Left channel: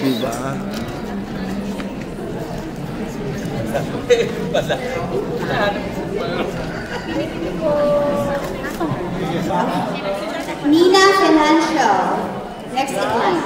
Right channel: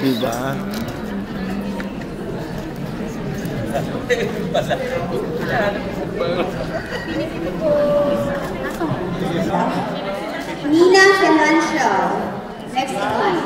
Diba? Nina Financial. Next in line.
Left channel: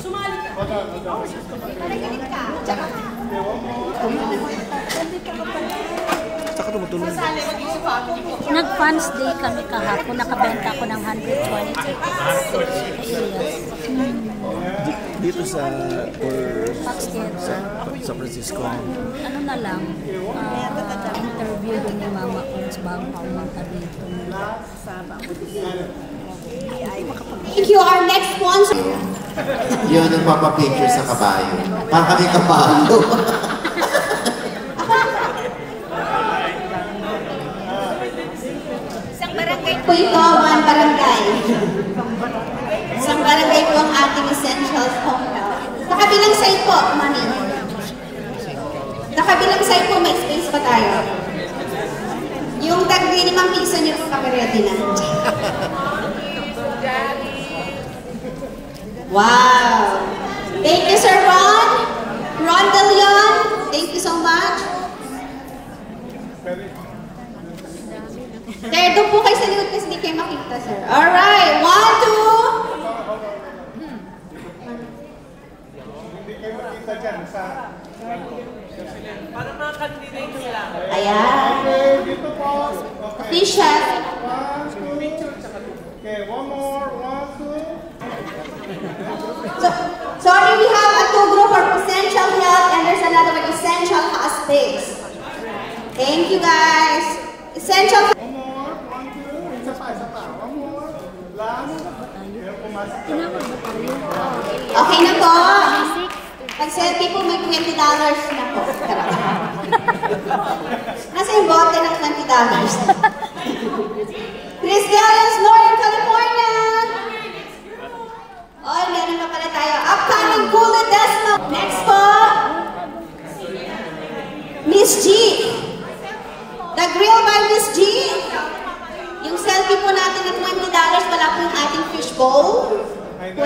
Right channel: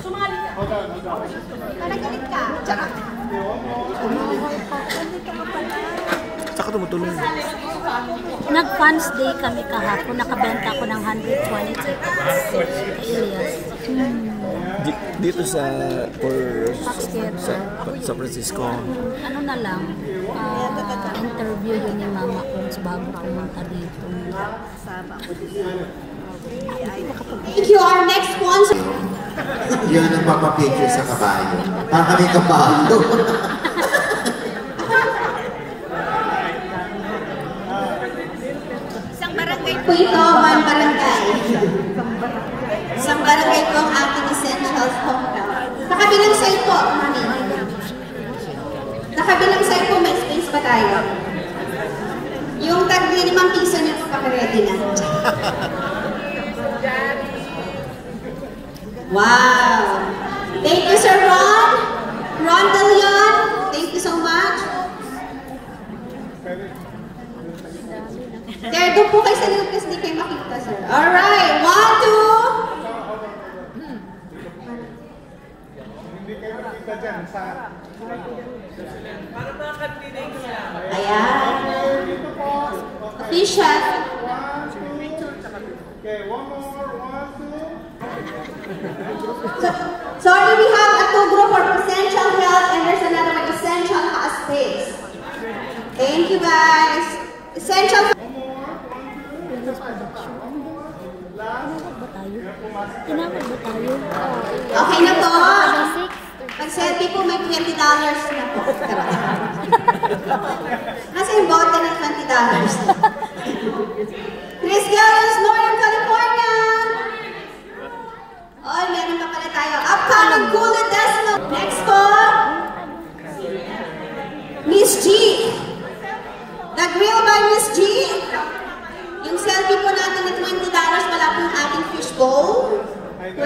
Sumali ka. Saka tumutulong. Nag-fans day kami kahapon. Nakabenta ko ng 120 tickets. Elias. Dito sa sa Francisco. Ano na lang, interview yun ni mama ko bago pumunta dito. Thank you. Our next sponsor. Yun ang papapicture sa kabayo. Parang kami kabayo. Po ito, one barangay. Isang barangay po ang ating essentials hometown. Sa kabilang side po, mami. Sa kabilang side po, may space pa tayo. Yung tag-5 piso niyo po pakaredy na. Wow! Thank you, Sir Ron. Ron De Leon, thank you so much. Sir, doon po kayo sa likod kasi hindi kayo makita, sir. Alright, 1, 2. Hindi kayo makita dyan sa... Para mga kanina ito lang. Ayan. Dito po. Official. 1, 2. Okay, one more. 1, 2. Sorry, we have a 2 group for essential health and there's another one, essential aesthetics. Thank you, guys. Essential. Okay na po. Pag-selfie po may $20 na po. Nasa yung bote ng $20. Chris Gallos, Northern California. Oh, meron pa pala tayo. Upcoming Kulo Desmo. Next po. Miss G. The Grill by Miss G. Yung selfie po natin ng $20, wala po yung ating fishbowl. $20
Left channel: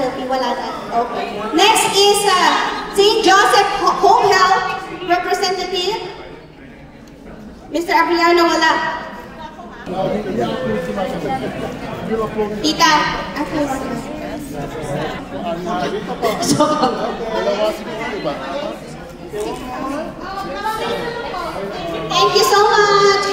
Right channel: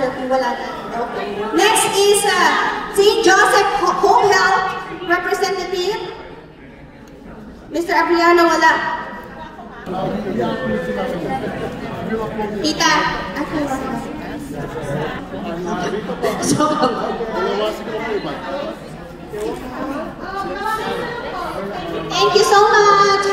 selfie, wala na. Okay. Next is St. Joseph Home Health Representative. Mr. Abriano, wala. Tita. Thank you so much.